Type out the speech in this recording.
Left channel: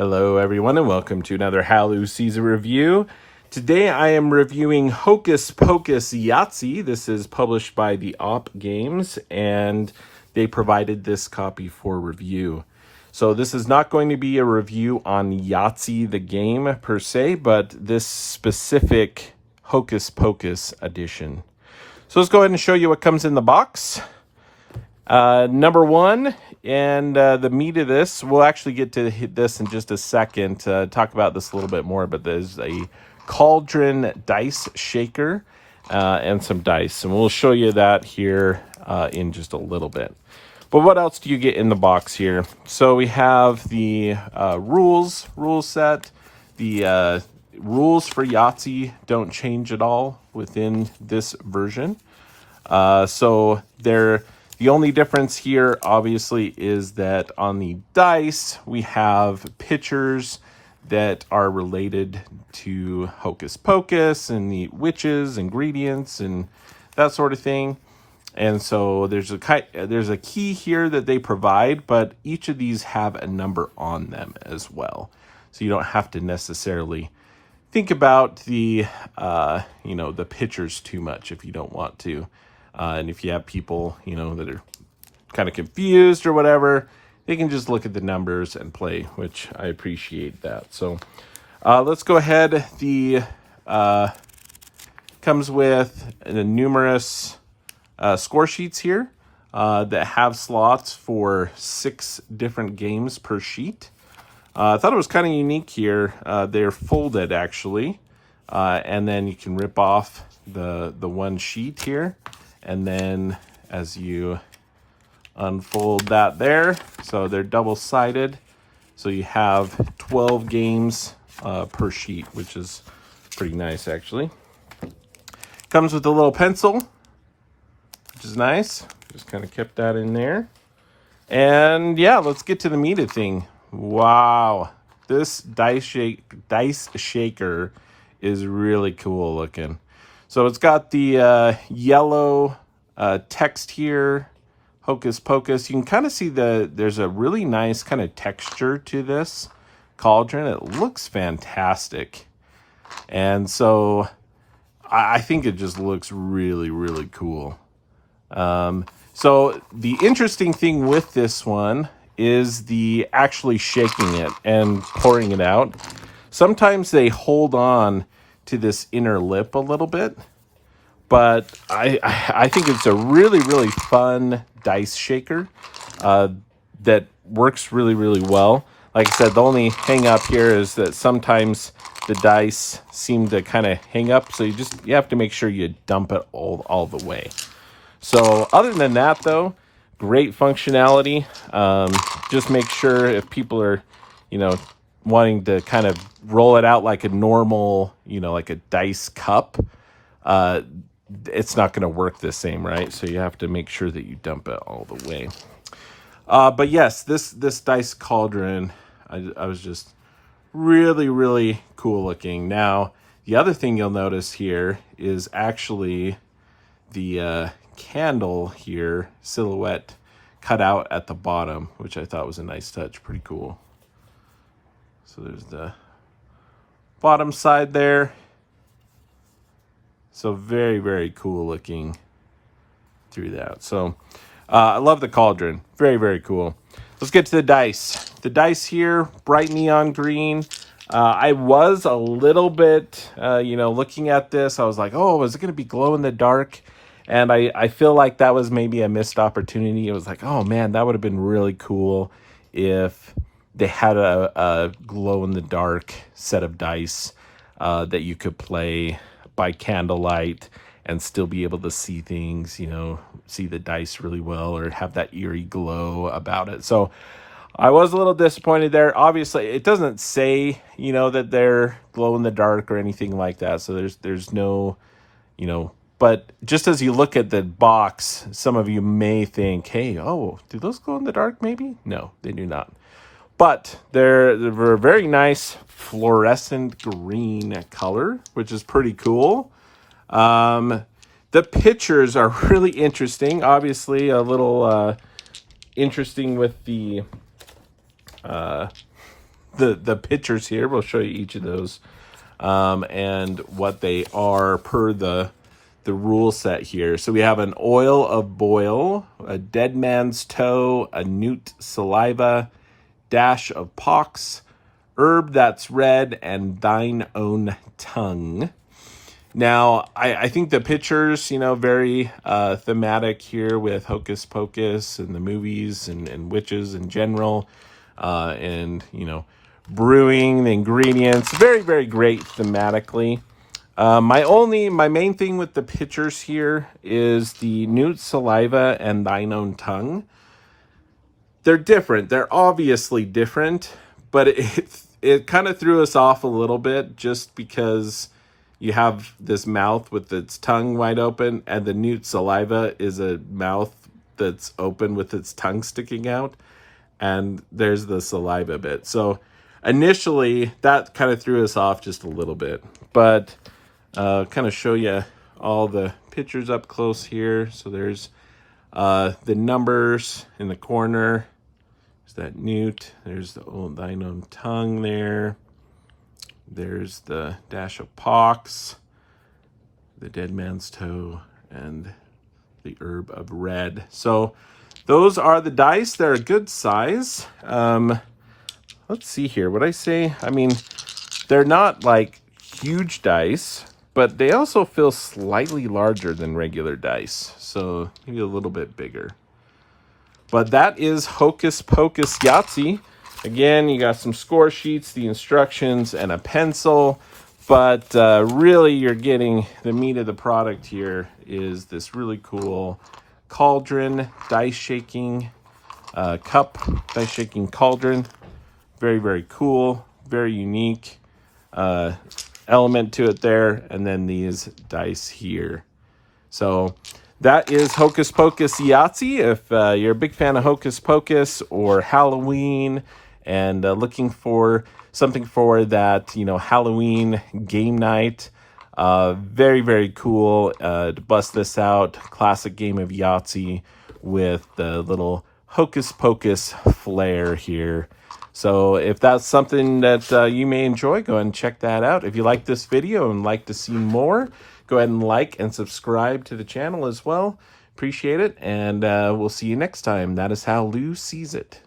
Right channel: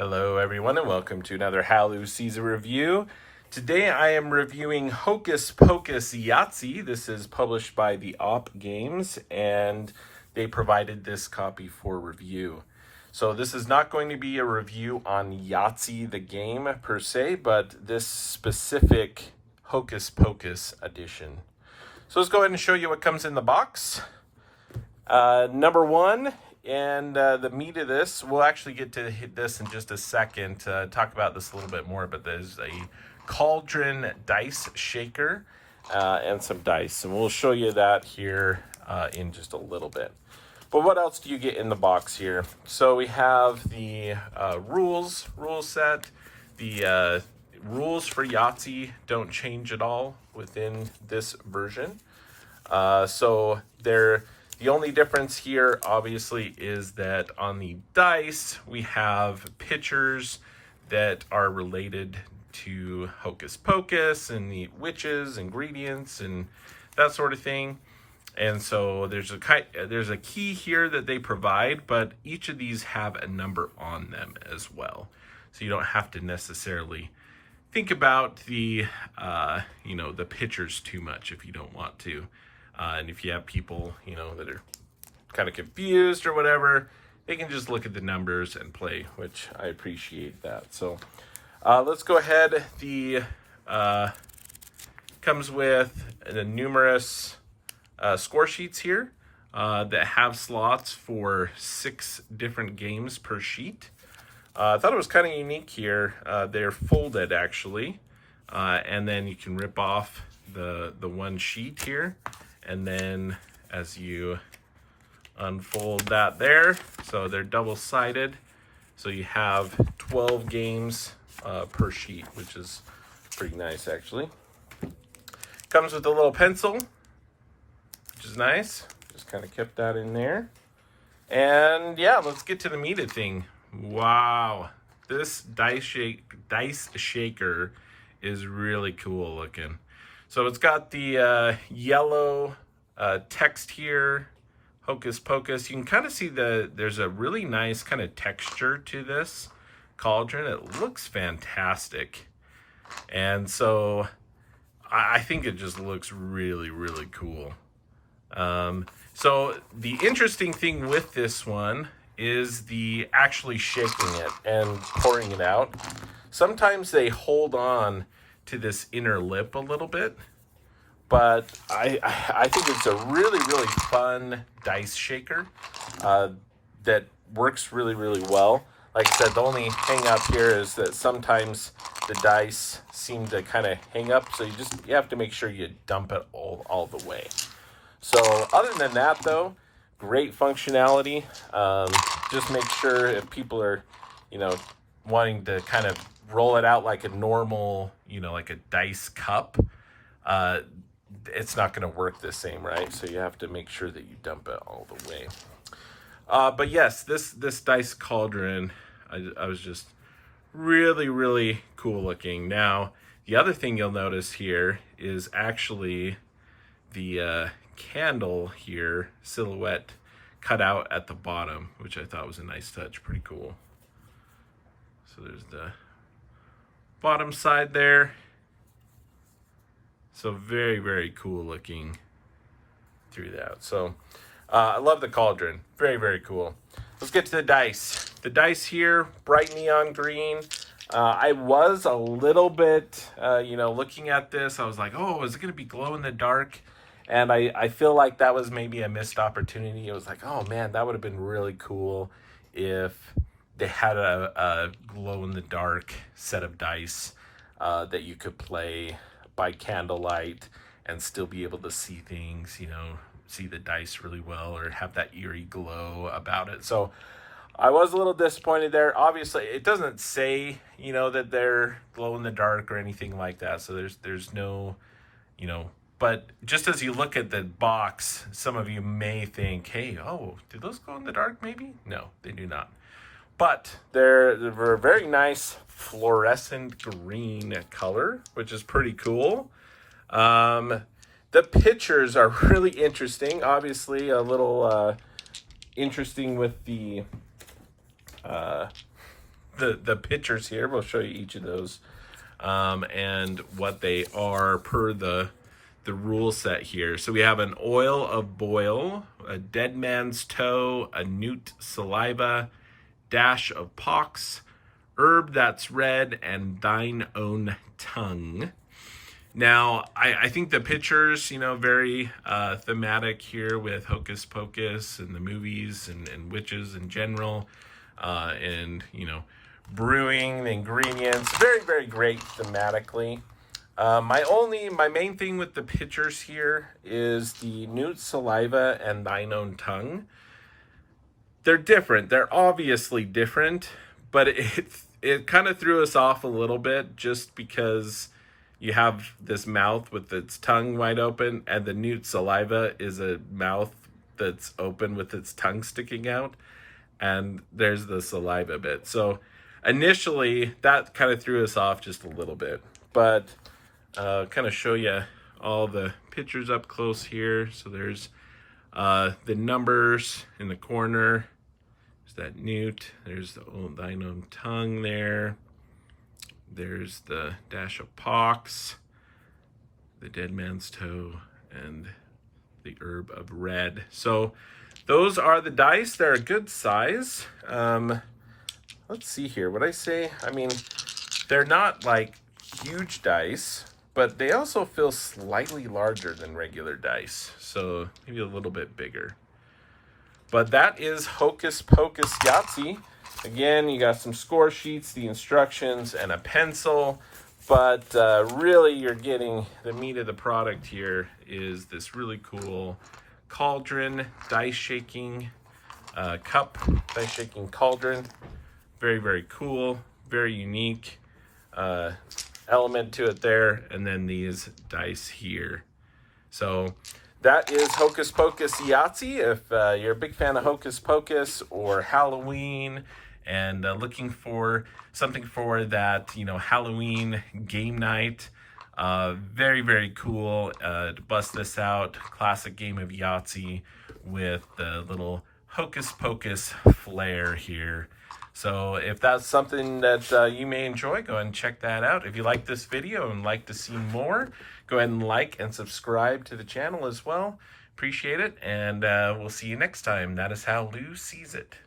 Hello everyone and welcome to another Halloween season review. Today I am reviewing Hocus Pocus Yahtzee. This is published by the Op Games and they provided this copy for review. So this is not going to be a review on Yahtzee the game per se, but this specific Hocus Pocus edition. So let's go ahead and show you what comes in the box. Number one, and the meat of this, we'll actually get to this in just a second, talk about this a little bit more, but there's a cauldron dice shaker and some dice, and we'll show you that here in just a little bit. But what else do you get in the box here? So we have the rule set. The rules for Yahtzee don't change at all within this version. So they're... The only difference here, obviously, is that on the dice, we have pictures that are related to Hocus Pocus and the witches, ingredients, and that sort of thing. And so there's a key here that they provide, but each of these have a number on them as well. So you don't have to necessarily think about the, the pictures too much if you don't want to. And if you have people, that are kind of confused or whatever, they can just look at the numbers and play, which I appreciate that. So let's go ahead. The comes with numerous score sheets here that have slots for 6 different games per sheet. I thought it was kind of unique here. They're folded, actually. And then you can rip off the one sheet here. And then as you unfold that there, so they're double-sided. So you have 12 games per sheet, which is pretty nice, actually. Comes with a little pencil, which is nice. Just kind of kept that in there. And yeah, let's get to the meat of the thing. Wow, this dice shaker is really cool looking. So it's got the yellow text here, Hocus Pocus. You can kind of see there's a really nice kind of texture to this cauldron. It looks fantastic. And so I think it just looks really, really cool. So the interesting thing with this one is the actually shaking it and pouring it out. Sometimes they hold on to this inner lip a little bit, but I think it's a really, really fun dice shaker that works really, really well. Like I said, the only hang up here is that sometimes the dice seem to kind of hang up, so you have to make sure you dump it all the way. So other than that, though, great functionality. Just make sure if people are, wanting to kind of roll it out like a normal, like a dice cup, it's not going to work the same, right? So you have to make sure that you dump it all the way. But yes, this dice cauldron, I was just really, really cool looking. Now, the other thing you'll notice here is actually the candle here, silhouette cut out at the bottom, which I thought was a nice touch. Pretty cool. So there's the bottom side there. So very, very cool looking through that. So I love the cauldron. Very, very cool. Let's get to the dice. The dice here, bright neon green. I was a little bit, looking at this. I was like, oh, is it going to be glow in the dark? And I feel like that was maybe a missed opportunity. It was like, oh man, that would have been really cool if they had a glow-in-the-dark set of dice that you could play by candlelight and still be able to see things, see the dice really well or have that eerie glow about it. So I was a little disappointed there. Obviously, it doesn't say, that they're glow-in-the-dark or anything like that. So there's no, but just as you look at the box, some of you may think, hey, do those glow in the dark maybe? No, they do not. But they're a very nice fluorescent green color, which is pretty cool. The pictures are really interesting. Obviously, a little interesting with the the pictures here. We'll show you each of those and what they are per the rule set here. So we have an oil of boil, a dead man's toe, a newt saliva, dash of pox, herb that's red, and thine own tongue. Now, I think the pictures, you know, very thematic here with Hocus Pocus and the movies and witches in general, and, you know, brewing, the ingredients, very, very great thematically. My main thing with the pictures here is the newt saliva and thine own tongue. They're different. They're obviously different, but it kind of threw us off a little bit just because you have this mouth with its tongue wide open, and the newt saliva is a mouth that's open with its tongue sticking out, and there's the saliva bit. So initially, that kind of threw us off just a little bit, but kind of show you all the pictures up close here. So there's the numbers in the corner. There's that newt. There's the thine own tongue there. There's the dash of pox, the dead man's toe, and the herb of red. So those are the dice. They're a good size. Let's see here. What I say? I mean, they're not like huge dice, but they also feel slightly larger than regular dice. So maybe a little bit bigger. But that is Hocus Pocus Yahtzee. Again, you got some score sheets, the instructions, and a pencil. But really, you're getting the meat of the product here is this really cool cauldron, dice shaking cup, dice shaking cauldron. Very, very cool, very unique element to it there. And then these dice here. So that is Hocus Pocus Yahtzee. If you're a big fan of Hocus Pocus or Halloween and looking for something for that, you know, Halloween game night, very, very cool to bust this out. Classic game of Yahtzee with the little Hocus Pocus flair here. So if that's something that you may enjoy, go ahead and check that out. If you like this video and like to see more, go ahead and like and subscribe to the channel as well. Appreciate it, and we'll see you next time. That is how Lou sees it.